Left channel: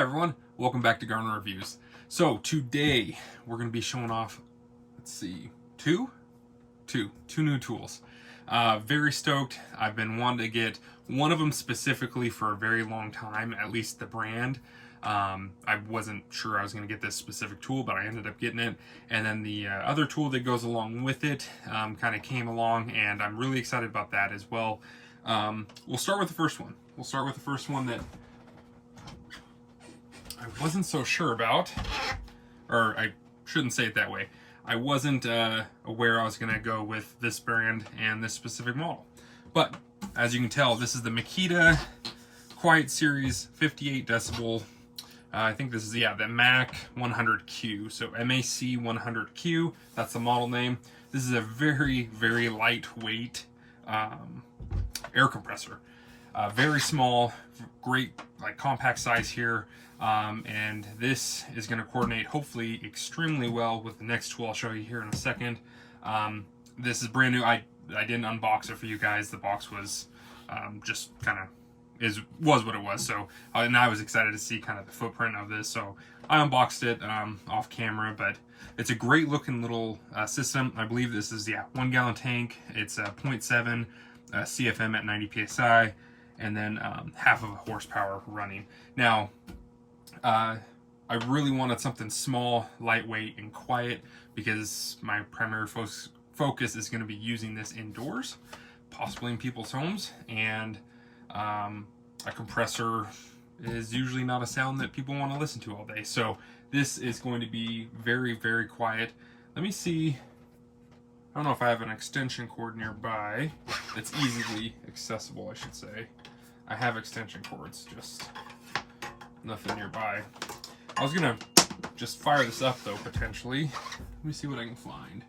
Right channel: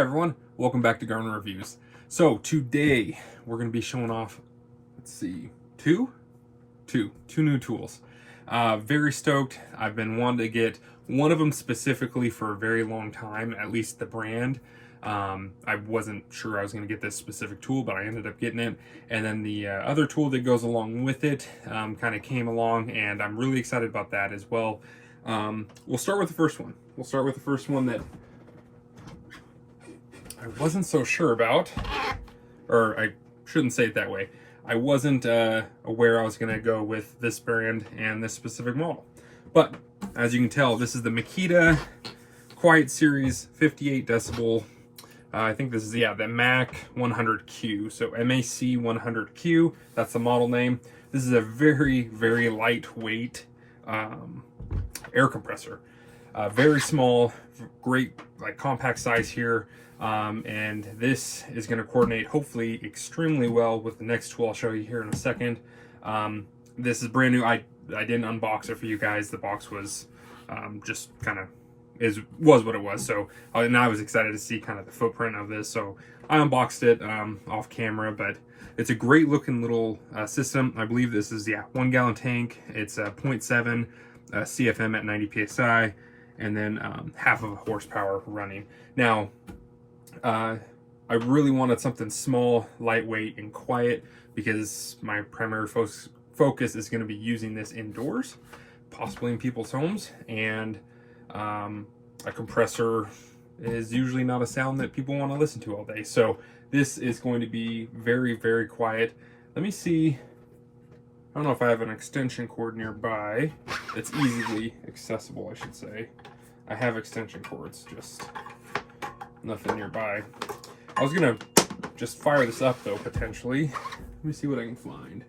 Hi everyone, welcome back to Garner Reviews. So today we're going to be showing off, let's see, two new tools. Very stoked. I've been wanting to get one of them specifically for a very long time, at least the brand. I wasn't sure I was going to get this specific tool, but I ended up getting it. And then the other tool that goes along with it kind of came along, and I'm really excited about that as well. We'll start with the first one. We'll start with the first one that I wasn't so sure about, or I shouldn't say it that way. I wasn't aware I was going to go with this brand and this specific model. But as you can tell, this is the Makita Quiet Series 58 decibel. I think this is, the MAC 100Q. So MAC100Q, that's the model name. This is a very, very lightweight air compressor. Very small, great, like compact size here. And this is going to coordinate hopefully extremely well with the next tool I'll show you here in a second. This is brand new. I didn't unbox it for you guys. The box was just kind of was what it was. So and I was excited to see kind of the footprint of this. So I unboxed it off camera, but it's a great looking little system. I believe this is 1 gallon tank. It's a 0.7 CFM at 90 psi, and then half of a horsepower running. Now, I really wanted something small, lightweight, and quiet because my primary focus is going to be using this indoors, possibly in people's homes, and a compressor is usually not a sound that people want to listen to all day. So this is going to be very, very quiet. Let me see. I don't know if I have an extension cord nearby. It's easily accessible, I should say. I have extension cords, just nothing nearby. I was gonna just fire this up though, potentially. Let me see what I can find.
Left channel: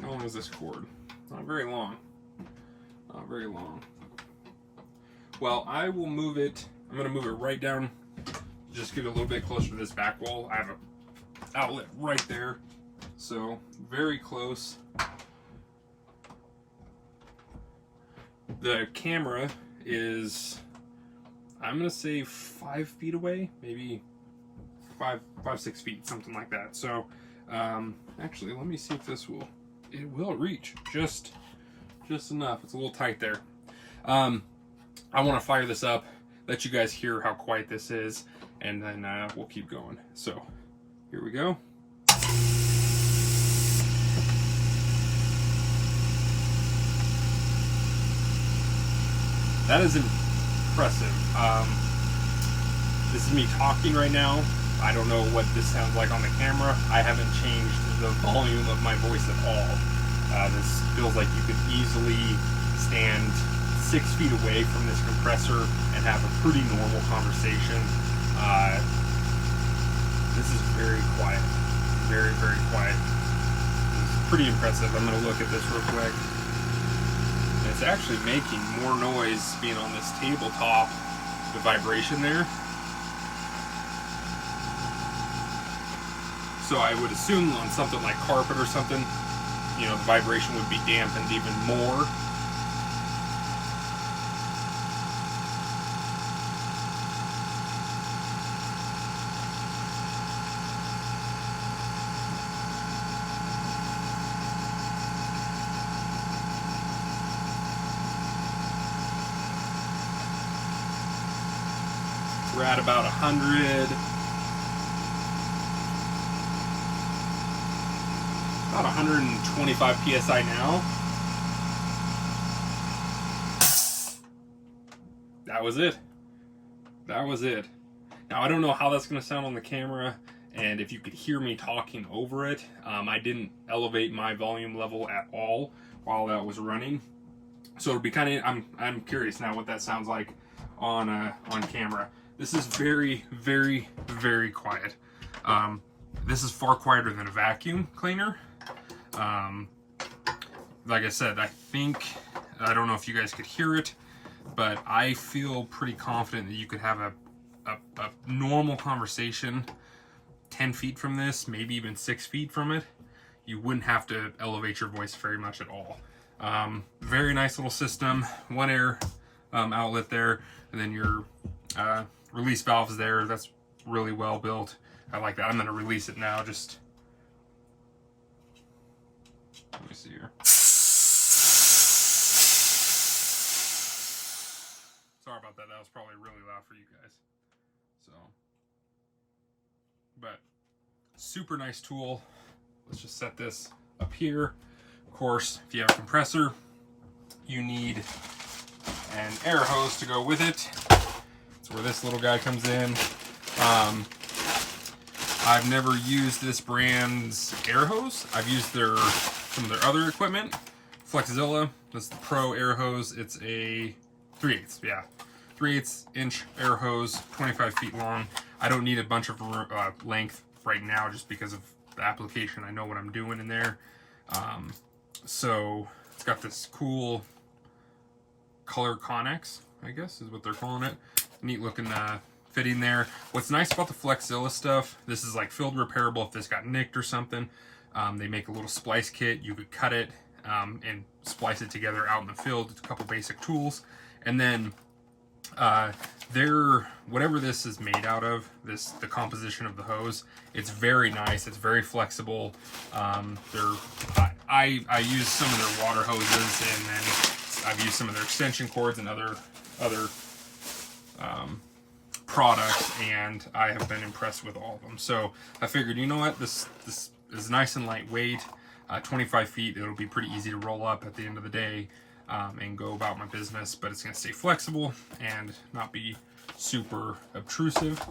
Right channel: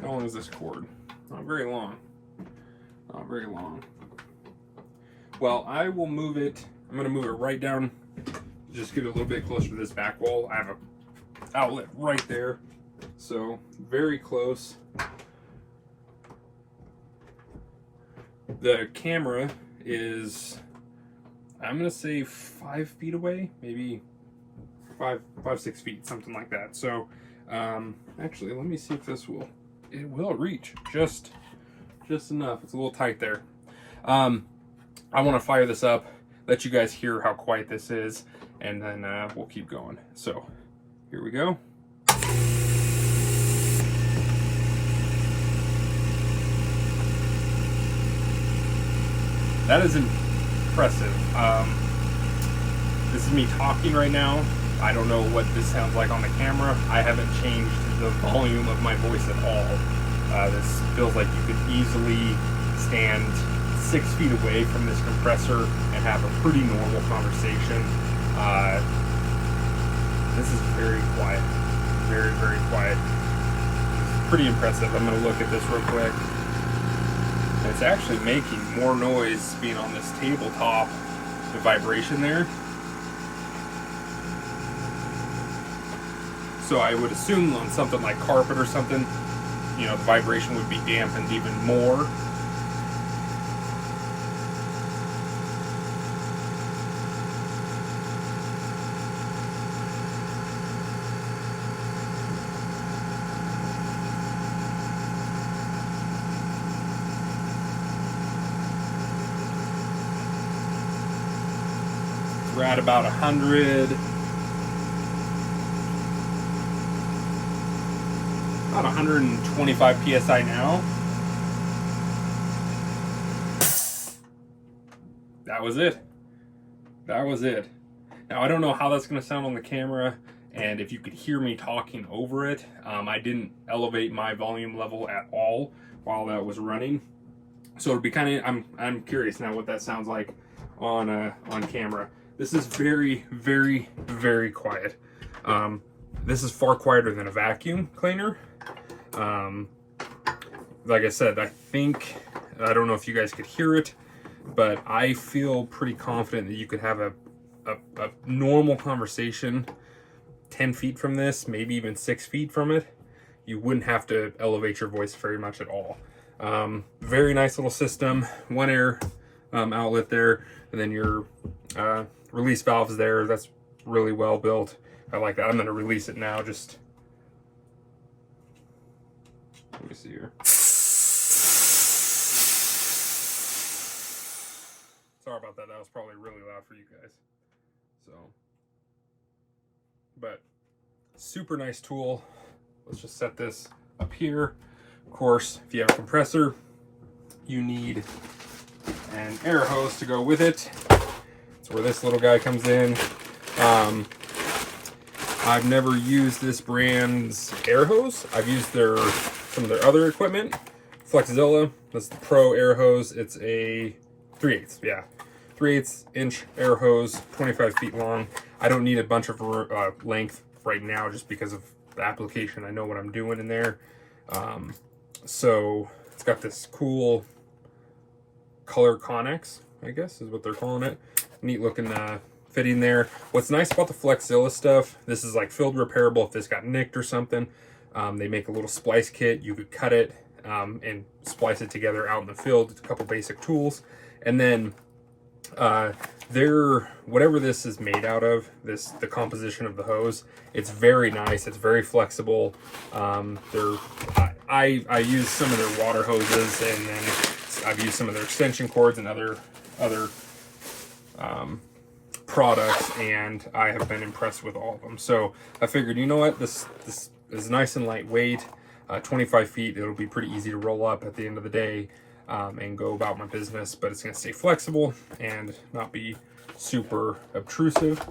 How long is this cord? Not very long. Not very long. Well, I will move it. I'm gonna move it right down. Just get a little bit closer to this back wall. I have a outlet right there, so very close. The camera is, I'm gonna say 5 feet away, maybe 6 feet, something like that. So actually, let me see if it will reach just enough. It's a little tight there. I want to fire this up, let you guys hear how quiet this is, and then we'll keep going. So here we go. That is impressive. This is me talking right now. I don't know what this sounds like on the camera. I haven't changed the volume of my voice at all. This feels like you could easily stand 6 feet away from this compressor and have a pretty normal conversation. This is very quiet. Very, very quiet. It's pretty impressive. I'm going to look at this real quick. It's actually making more noise being on this tabletop, the vibration there. So I would assume on something like carpet or something, you know, the vibration would be dampened even more. We're at about 125 psi now. That was it. That was it. Now I don't know how that's going to sound on the camera, and if you could hear me talking over it. I didn't elevate my volume level at all while that was running, so it'd be kind of. I'm curious now what that sounds like on camera. This is very, very, very quiet. This is far quieter than a vacuum cleaner. Like I said, I don't know if you guys could hear it, but I feel pretty confident that you could have a normal conversation 10 feet from this, maybe even 6 feet from it. You wouldn't have to elevate your voice very much at all. Very nice little system. One Air outlet there, and then your release valves there. That's really well built. I like that. I'm going to release it now. Just let me see here. Sorry about that. That was probably really loud for you guys. So, but super nice tool. Let's just set this up here. Of course, if you have a compressor, you need an air hose to go with it. That's where this little guy comes in. I've never used this brand's air hose. I've used some of their other equipment. Flexzilla, that's the Pro Air hose. It's a 3/8, yeah. 3/8 inch air hose, 25 feet long. I don't need a bunch of length right now just because of the application. I know what I'm doing in there. So it's got this cool color connex, I guess is what they're calling it. Neat looking fitting there. What's nice about the Flexzilla stuff, this is like field repairable if this got nicked or something. They make a little splice kit. You could cut it and splice it together out in the field. It's a couple basic tools. And then whatever this is made out of, the composition of the hose, it's very nice. It's very flexible. I use some of their water hoses, and then I've used some of their extension cords and other products, and I have been impressed with all of them. So I figured, you know what, this is nice and lightweight. 25 feet, it'll be pretty easy to roll up at the end of the day and go about my business, but it's going to stay flexible and not be super obtrusive.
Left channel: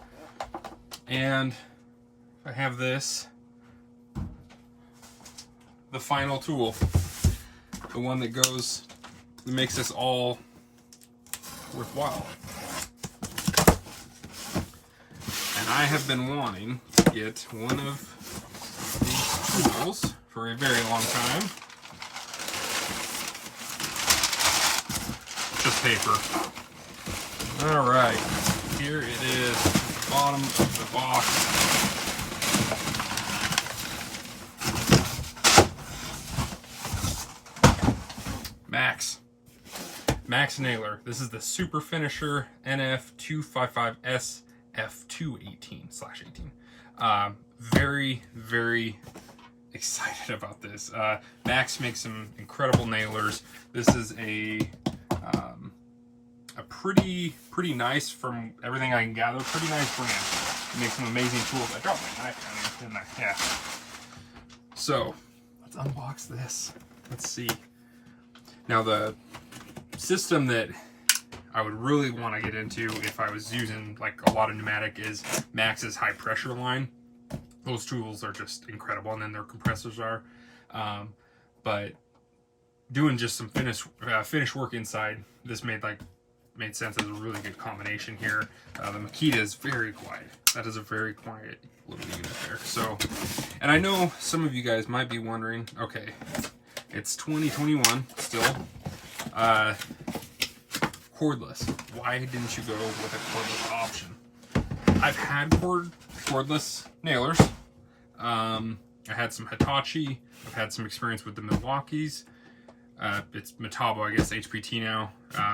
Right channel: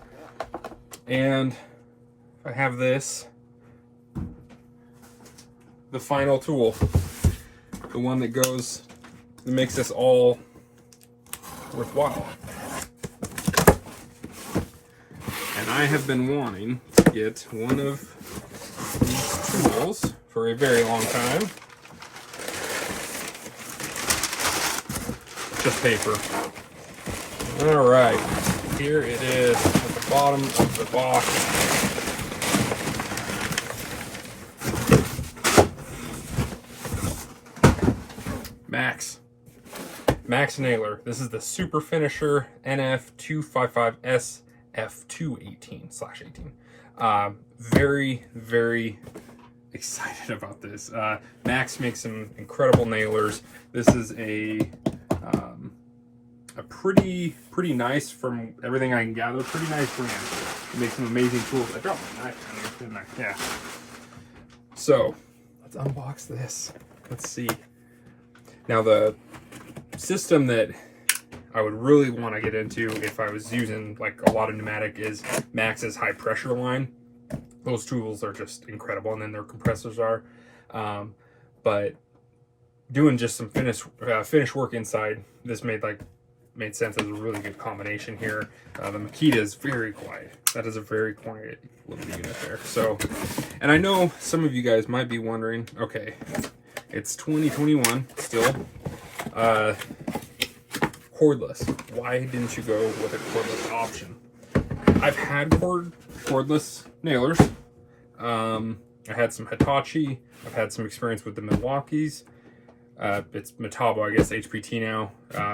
And I have this, the final tool, the one that makes this all worthwhile. And I have been wanting to get one of these tools for a very long time. Just paper. All right, here it is at the bottom of the box. Max nailer. This is the Super Finisher NF255SF2 very, very excited about this. Max makes some incredible nailers. This is a pretty nice, from everything I can gather, pretty nice brand. It makes some amazing tools. I dropped my knife, didn't I? Yeah. So let's unbox this. Let's see. Now the system that I would really want to get into if I was using like a lot of pneumatic is Max's high pressure line. Those tools are just incredible, and then their compressors are. But doing just some finish work inside, this made sense as a really good combination here. The Makita is very quiet. That is a very quiet little unit there. So, and I know some of you guys might be wondering, okay, it's 2021 still. Cordless. Why didn't you go with a cordless option? I've had cordless nailers. I had some Hitachi. I've had some experience with the Milwaukees. It's Metabo, I guess, HPT now.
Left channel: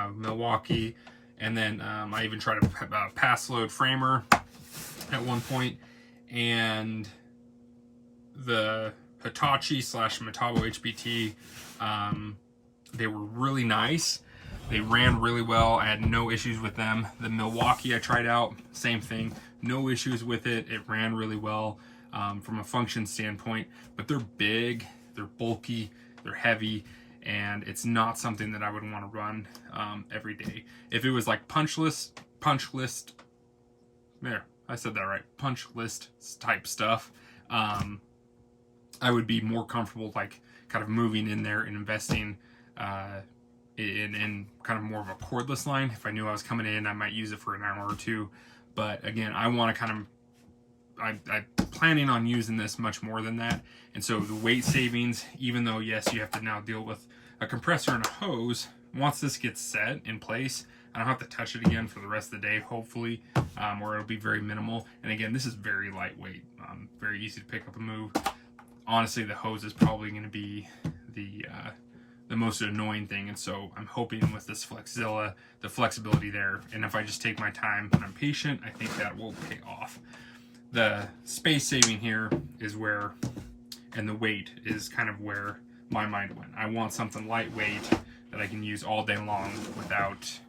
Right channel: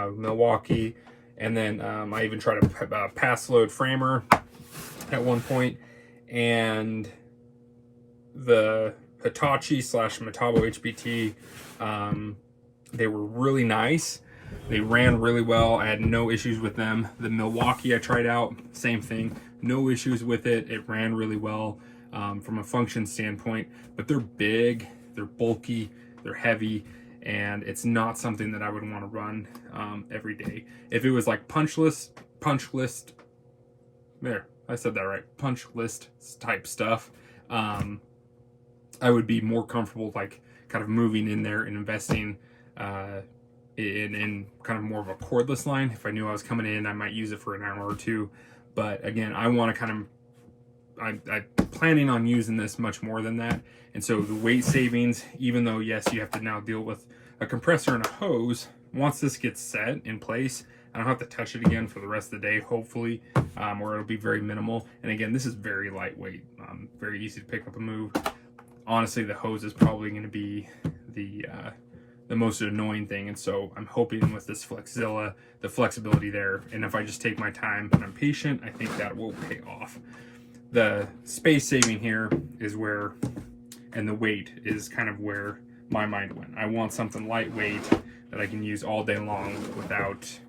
Milwaukee. And then I even tried a pass load framer at one point. And the Hitachi / Metabo HPT, they were really nice. They ran really well. I had no issues with them. The Milwaukee I tried out, same thing. No issues with it. It ran really well from a function standpoint. But they're big, they're bulky, they're heavy, and it's not something that I would want to run every day. If it was like punch list, there, I said that right, punch list type stuff, I would be more comfortable like kind of moving in there and investing in kind of more of a cordless line. If I knew I was coming in, I might use it for an hour or two. But again, I want to kind of, I'm planning on using this much more than that. And so the weight savings, even though yes, you have to now deal with a compressor and a hose, once this gets set in place, I don't have to touch it again for the rest of the day, hopefully, or it'll be very minimal. And again, this is very lightweight, very easy to pick up and move. Honestly, the hose is probably going to be the the most annoying thing. And so I'm hoping with this Flexzilla, the flexibility there, and if I just take my time and I'm patient, I think that will pay off. The space saving here is where, and the weight is kind of where my mind went. I want something lightweight that I can use all day long without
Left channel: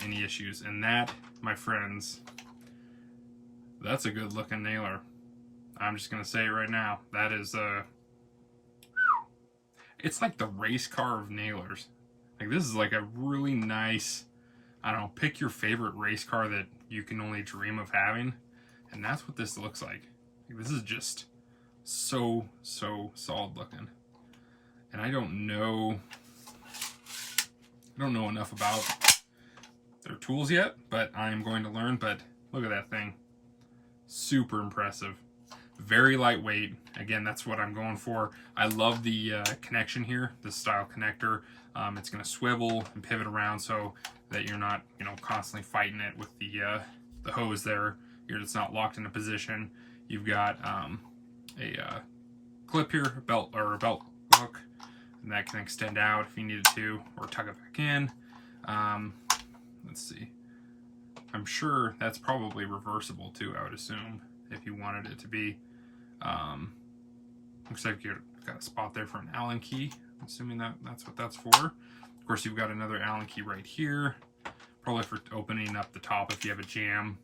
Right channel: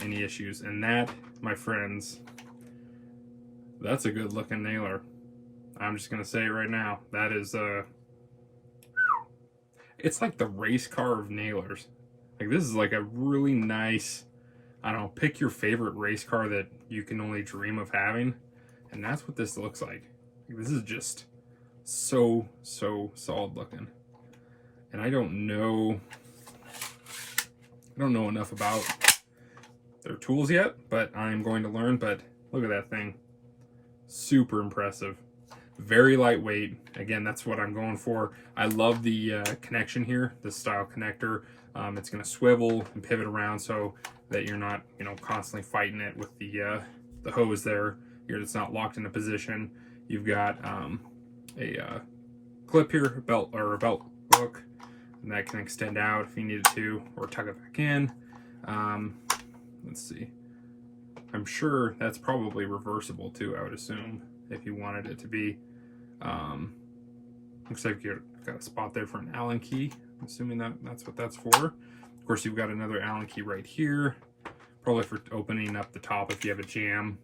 any issues. And that, my friends, that's a good looking nailer. I'm just gonna say it right now. That is it's like the race car of nailers. Like, this is like a really nice, I don't know, pick your favorite race car that you can only dream of having, and that's what this looks like. This is just so solid looking. And I don't know enough about their tools yet, but I am going to learn. But look at that thing. Super impressive. Very lightweight. Again, that's what I'm going for. I love the connection here, the style connector. It's going to swivel and pivot around so that you're not, you know, constantly fighting it with the hose there. It's not locked into position. You've got a clip here, a belt hook, and that can extend out if you needed to, or tuck it back in. Let's see. I'm sure that's probably reversible too, I would assume, if you wanted it to be. Looks like you've got a spot there for an Allen key. I'm assuming that's what that's for. Of course, you've got another Allen key right here, probably for opening up the top if you have a jam.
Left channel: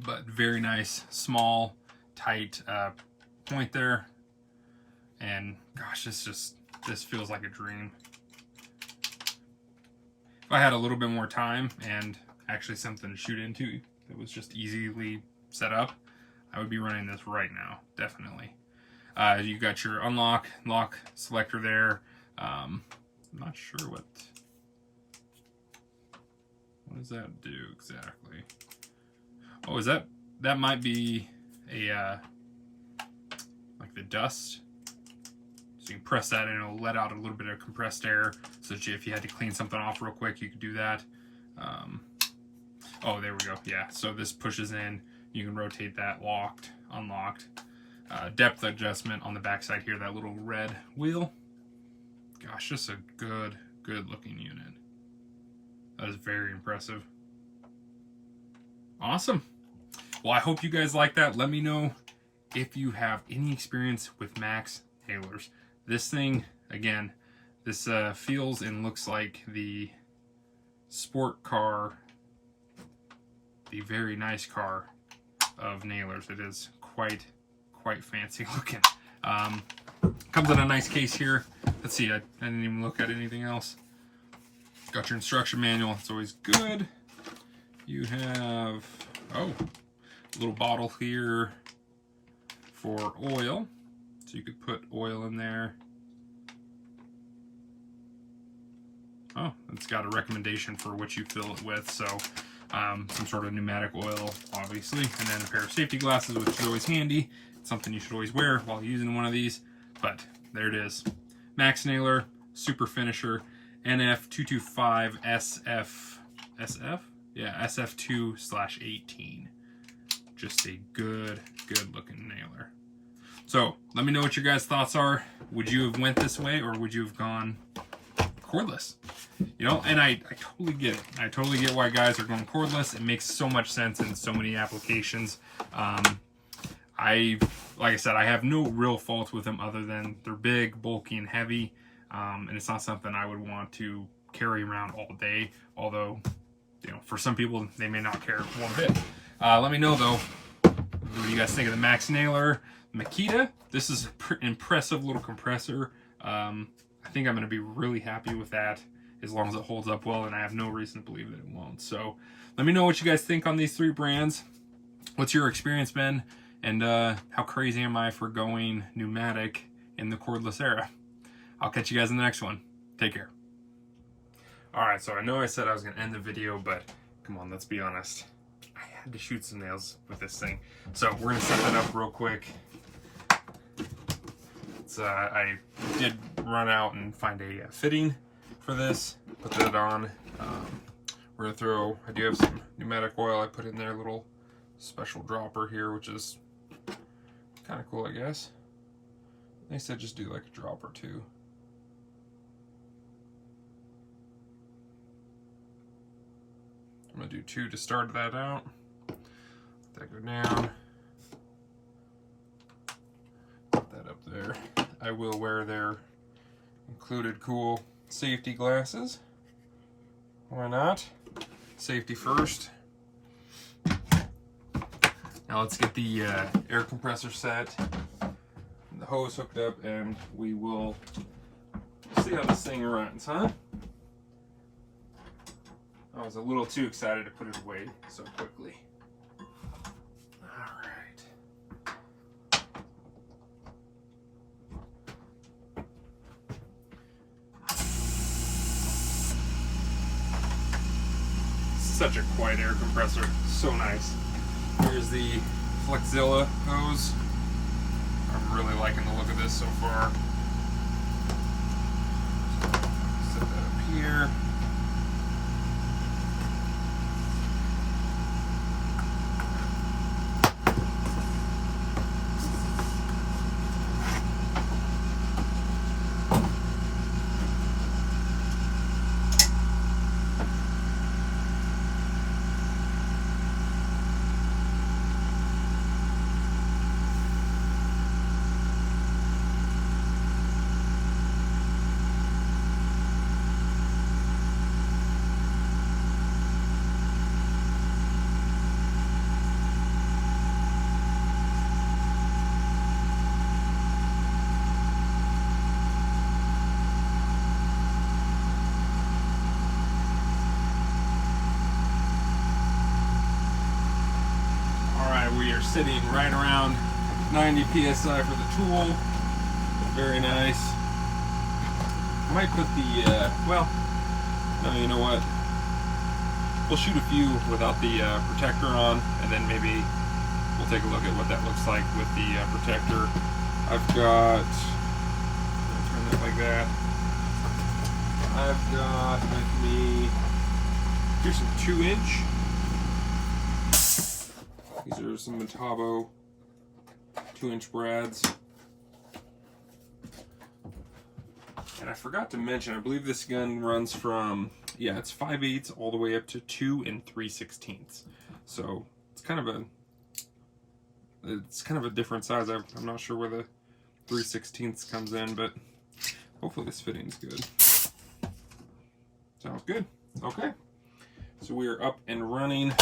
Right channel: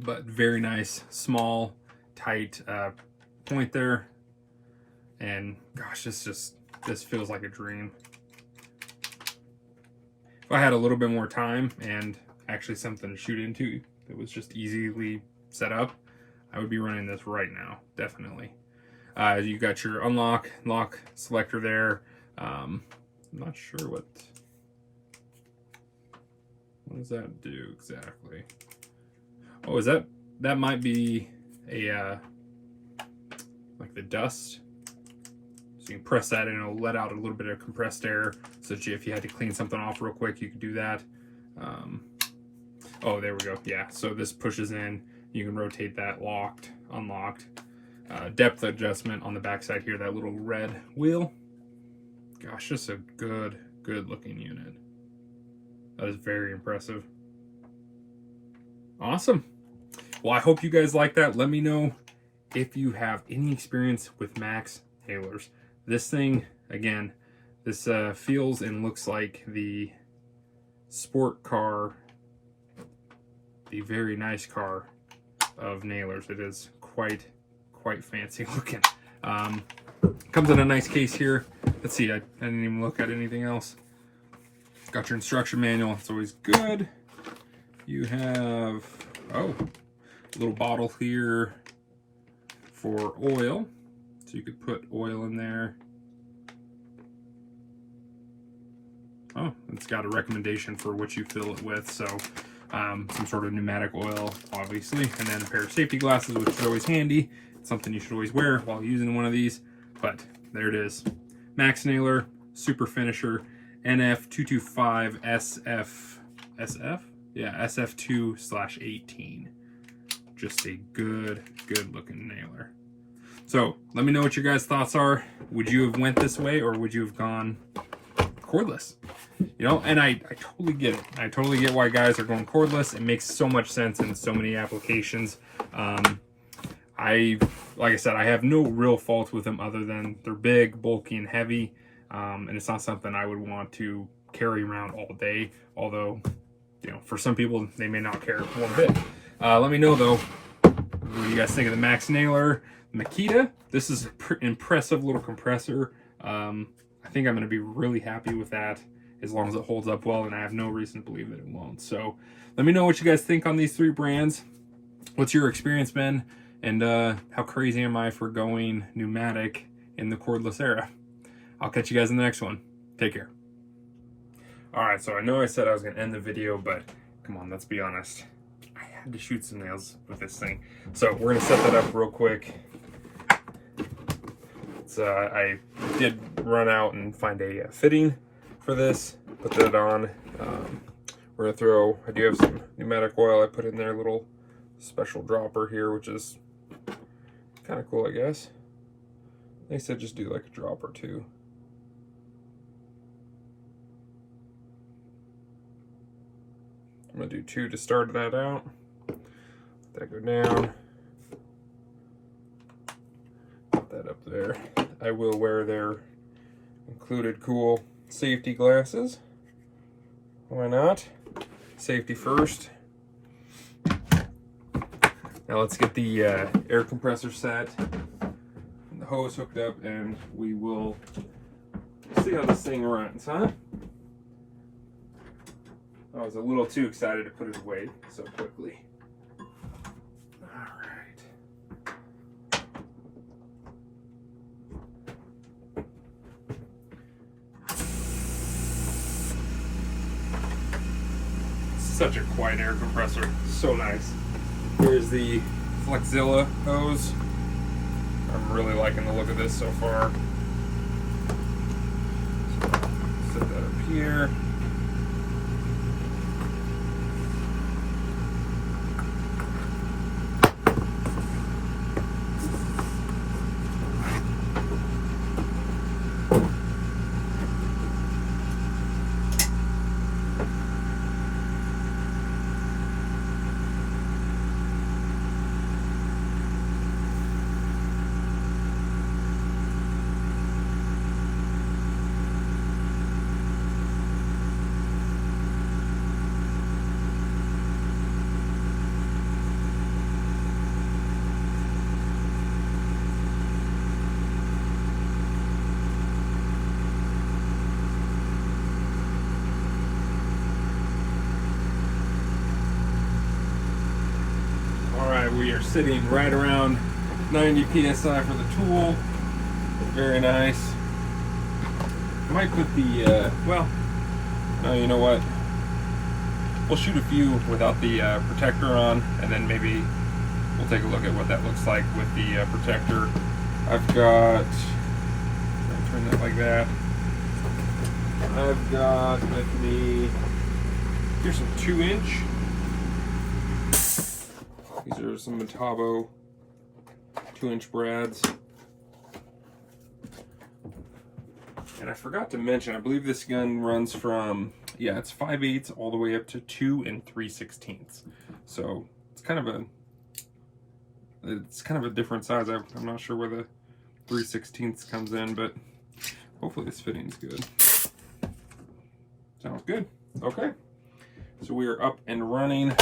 But very nice, small, tight point there. And gosh, this feels like a dream. If I had a little bit more time and actually something to shoot into that was just easily set up, I would be running this right now, definitely. You got your lock selector there. I'm not sure what does that do exactly. Oh, is that might be a like the dust. So you can press that and it'll let out a little bit of compressed air, so that if you had to clean something off real quick, you could do that. Oh, there we go. Yeah, so this pushes in. You can rotate that locked, unlocked. Depth adjustment on the backside here, that little red wheel. Gosh, just a good looking unit. That is very impressive. Awesome. Well, I hope you guys like that. Let me know if you have any experience with Max nailers. This thing, again, this feels and looks like the sport car, the very nice car of nailers. It is quite fancy looking. Comes in a nice case here. Let's see, I didn't even look at anything else. Got your instruction manual. It's always good. You have, oh, a little bottle here for oil, so you could put oil in there. Oh, it's got a recommendation for what you fill it with, so some sort of pneumatic oil, obviously, and then a pair of safety glasses, which is always handy. It's something you should always wear while using one of these. But there it is, Max nailer, super finisher, NF255SF, yeah, SF2/18. Just a good looking nailer. So let me know what your guys' thoughts are. Would you have went this way, or would you have gone cordless? You know, and I totally get it. I totally get why guys are going cordless. It makes so much sense in so many applications. Like I said, I have no real fault with them other than they're big, bulky, and heavy. And it's not something I would want to carry around all day. Although, you know, for some people, they may not care one bit. Let me know, though, what do you guys think of the Max nailer? Makita, this is an impressive little compressor. I think I'm going to be really happy with that as long as it holds up well, and I have no reason to believe that it won't. So let me know what you guys think on these three brands. What's your experience been? And how crazy am I for going pneumatic in the cordless era? I'll catch you guys in the next one. Take care. Alright, so I know I said I was going to end the video, but come on, let's be honest. I had to shoot some nails with this thing. So we're going to set that up real quick. I did run out and find a fitting for this. Put that on. We're going to throw, I do have some pneumatic oil I put in there, a little special dropper here, which is kind of cool, I guess. They said just do like a drop or two. I'm gonna do 2 to start that out. Let that go down. Put that up there. I will wear their included cool safety glasses. Why not? Safety first. Now let's get the air compressor set and the hose hooked up, and we will see how this thing runs, huh? I was a little too excited to put it away so quickly. Alright. Such a quiet air compressor. So nice. Here's the Flexzilla hose. I'm really liking the look of this so far. So, set that up here. We are sitting right around 90 psi for the tool. Very nice. I might put the, well, no, you know what? We'll shoot a few without the protector on, and then maybe we'll take a look at what that looks like with the protector. I've got, turn that like that. I've got with me, here's some 2-inch. These are some Metabo 2-inch brads. And I forgot to mention, I believe this gun runs from, yeah, it's 5/8 all the way up to 2 3/16. So it's kind of a different size. I'm not sure where the 3/16 comes in, but hopefully this fitting's good. Sounds good. Okay. So we are up and running.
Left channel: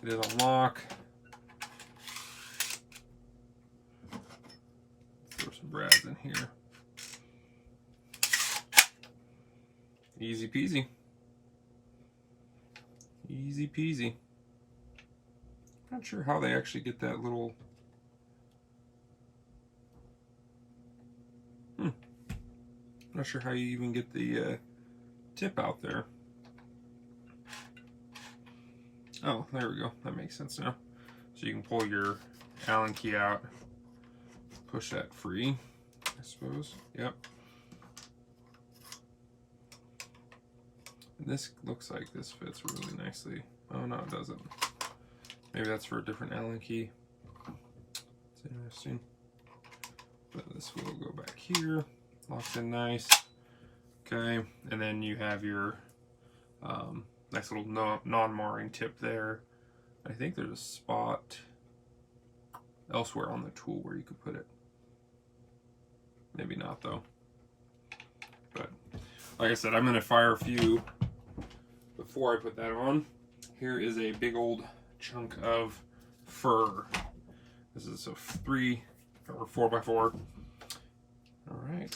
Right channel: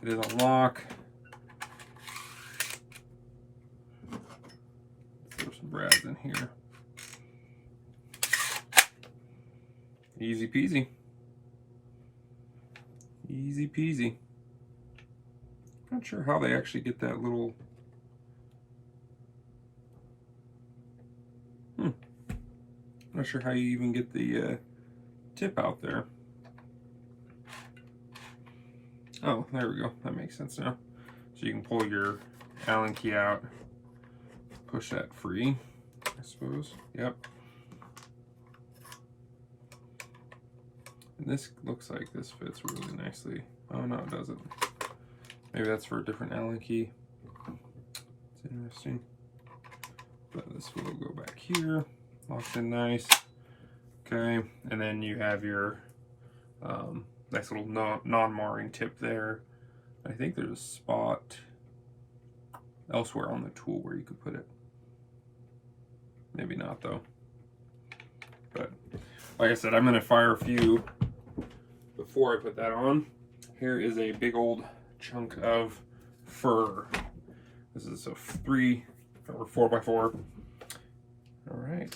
It is a lock. Throw some brads in here. Easy peasy. Easy peasy. Not sure how they actually get that little... Not sure how you even get the tip out there. Oh, there we go. That makes sense now. So you can pull your Allen key out, push that free, I suppose. Yep. And this looks like this fits really nicely. Oh, no, it doesn't. Maybe that's for a different Allen key. It's interesting. But this will go back here. Locks in nice. Okay. And then you have your nice little non-marring tip there. I think there's a spot elsewhere on the tool where you could put it. Maybe not though. But like I said, I'm gonna fire a few before I put that on. Here is a big old chunk of fur. This is a 3 or 4x4. All right.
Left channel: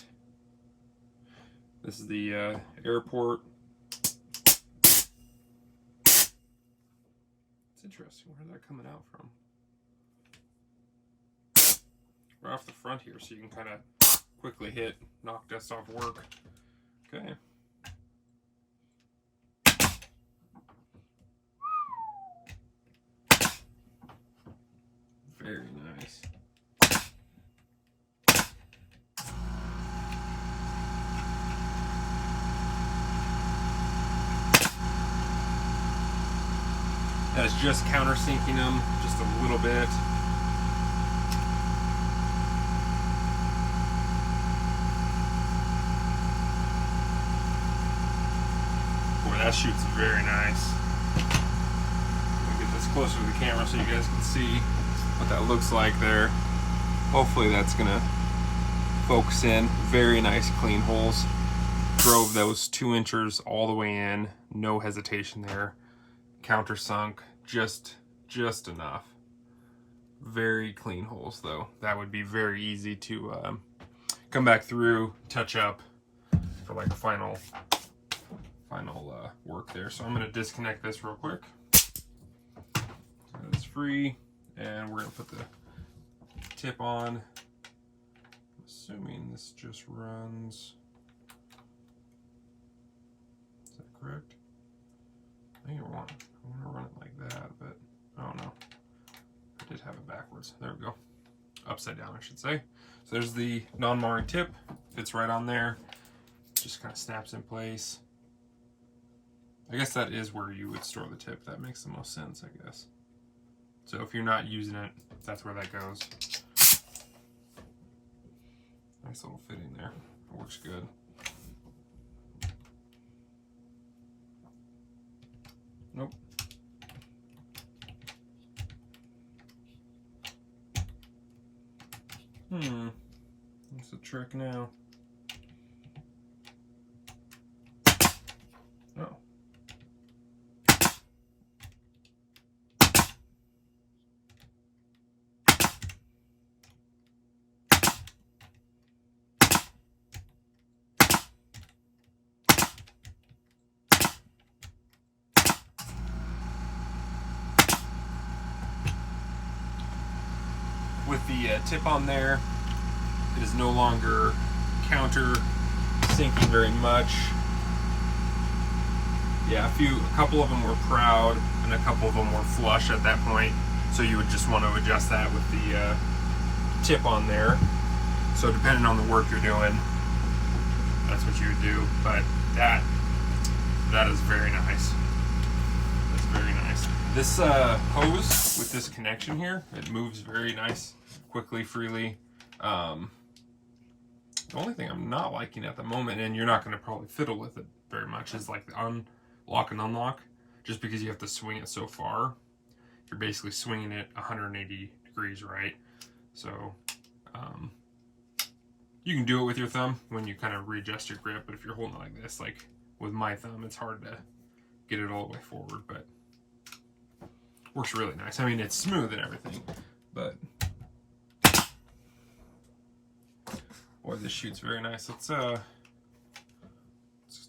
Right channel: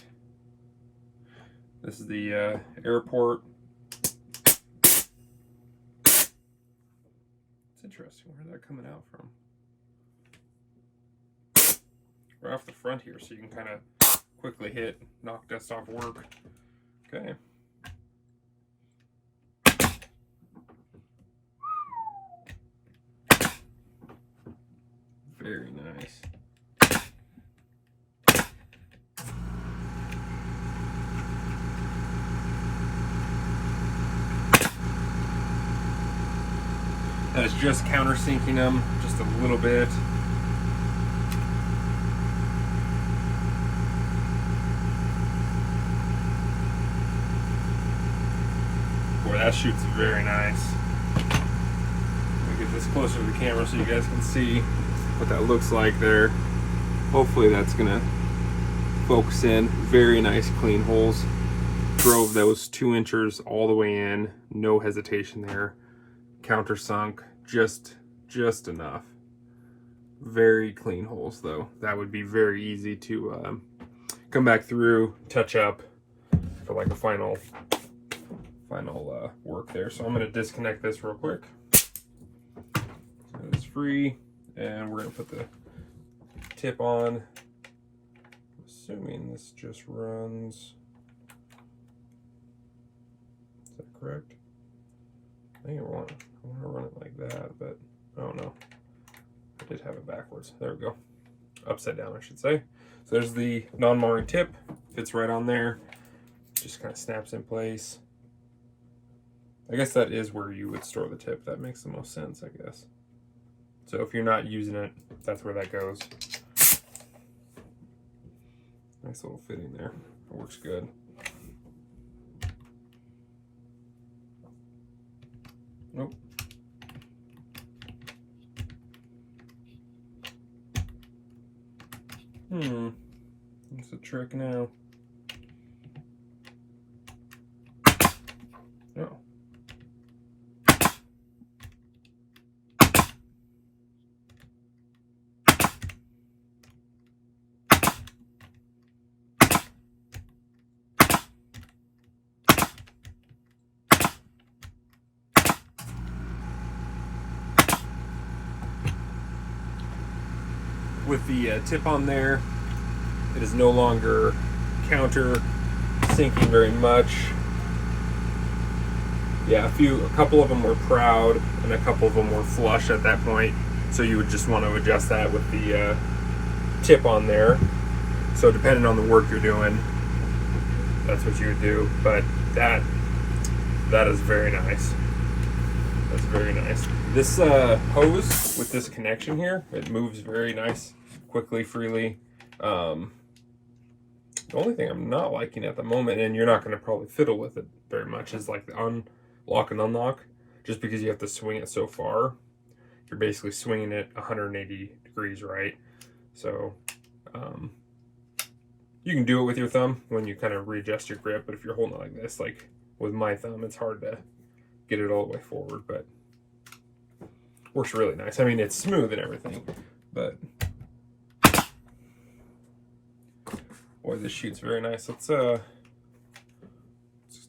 This is the airport. Interesting. Where's that coming out from? Right off the front here, so you can kind of quickly hit, knock dust off work. Okay. Very nice. That's just countersinking them just a little bit. Boy, that shoots very nice. closer to the camera so you guys can see what that looks like there. Hopefully that's gonna focus in. Very nice clean holes. Drove those 2 inches all the way in, no hesitation there. Countersunk just enough. Very clean holes though. That would be very easy to come back through, touch up for like a final work there. So I'm going to disconnect this real quick. It's free, and we're going to put the tip on. Assuming this just runs. Is that correct? I want to run it like that, but I don't know. I did have it backwards. There we go. Upside down, I should say. So there's the non-marring tip. Fits right on there. Just kind of snaps in place. I guess that is where you would store the tip. That makes the most sense, I guess. So if you're not using it, that's where that goes. Nice little fitting there. It works good. Nope. What's the trick now? Oh. With the tip on there, it is no longer counter sinking very much. Yeah, a couple of them were proud and a couple of them were flush at that point, so you would just want to adjust that with the tip on there. So depending on the work you're doing, that's what you would do. But that is very nice. That's very nice. This hose with this connection here, it moves very nice, quickly, freely. The only thing I'm not liking at the moment, and you're not going to probably fiddle with it very much, is like the unlock and unlock, just because you have to swing it so far. You're basically swinging it 180 degrees, right? So you can do it with your thumb when you kind of readjust your grip, but if you're holding it like this, like with my thumb, it's hard to get it all the way forward, but works really nice. I mean, it's smooth and everything, but boy, this shoots very nice. Let's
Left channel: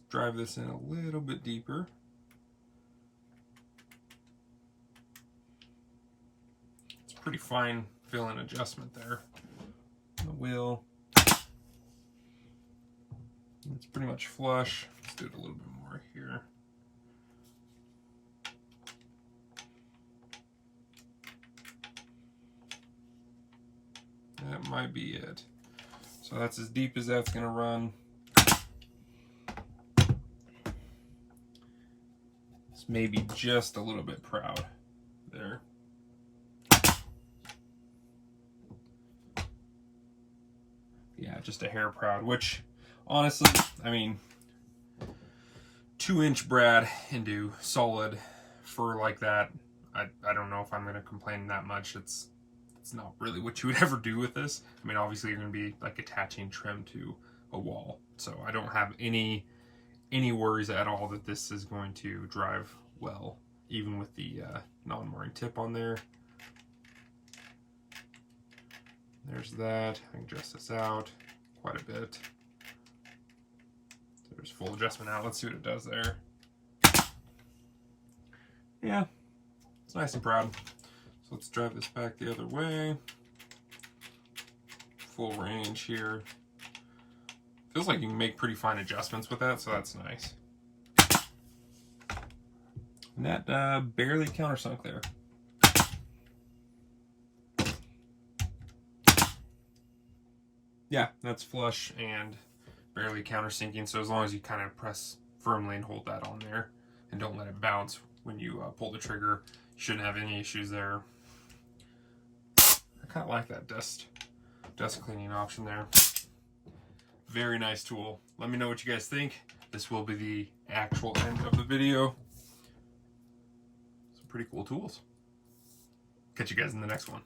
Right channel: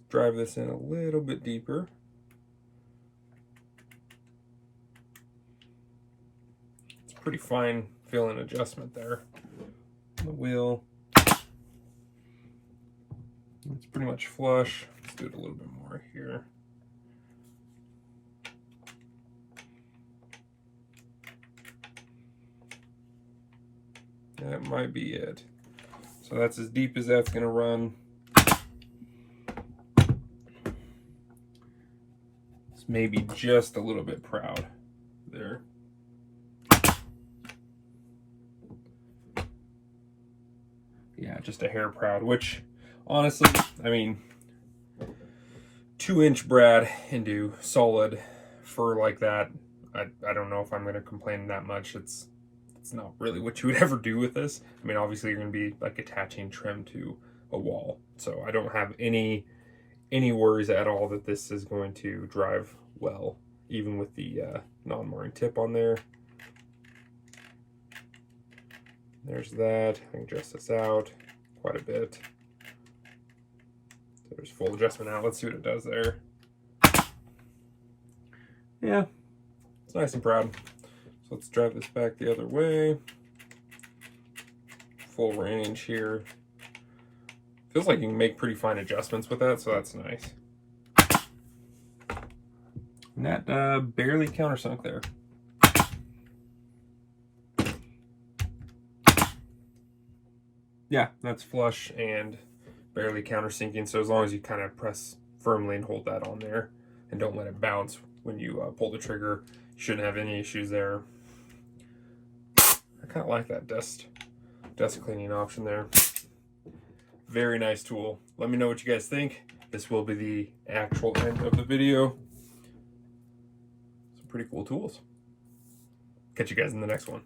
drive this in a little bit deeper. It's pretty fine fill-in adjustment there. The wheel. It's pretty much flush. Let's do it a little bit more here. That might be it. So that's as deep as that's going to run. It's maybe just a little bit proud there. Yeah, just a hair proud, which honestly, I mean, 2-inch brad into solid fur like that, I don't know if I'm going to complain that much. It's not really what you would ever do with this. I mean, obviously you're going to be like attaching trim to a wall, so I don't have any worries at all that this is going to drive well, even with the non-marring tip on there. There's that. I can adjust this out quite a bit. There's full adjustment out. Let's see what it does there. Yeah, it's nice and proud. So let's drive this back the other way. Full range here. Feels like you can make pretty fine adjustments with that, so that's nice. And that barely countersunk there. Yeah, that's flush and barely countersinking, so as long as you kind of press firmly and hold that on there and don't let it bounce when you pull the trigger, you shouldn't have any issues there. I kind of like that dust cleaning option there. Very nice tool. Let me know what you guys think. This will be the actual end of the video. Some pretty cool tools. Catch you guys in the next one.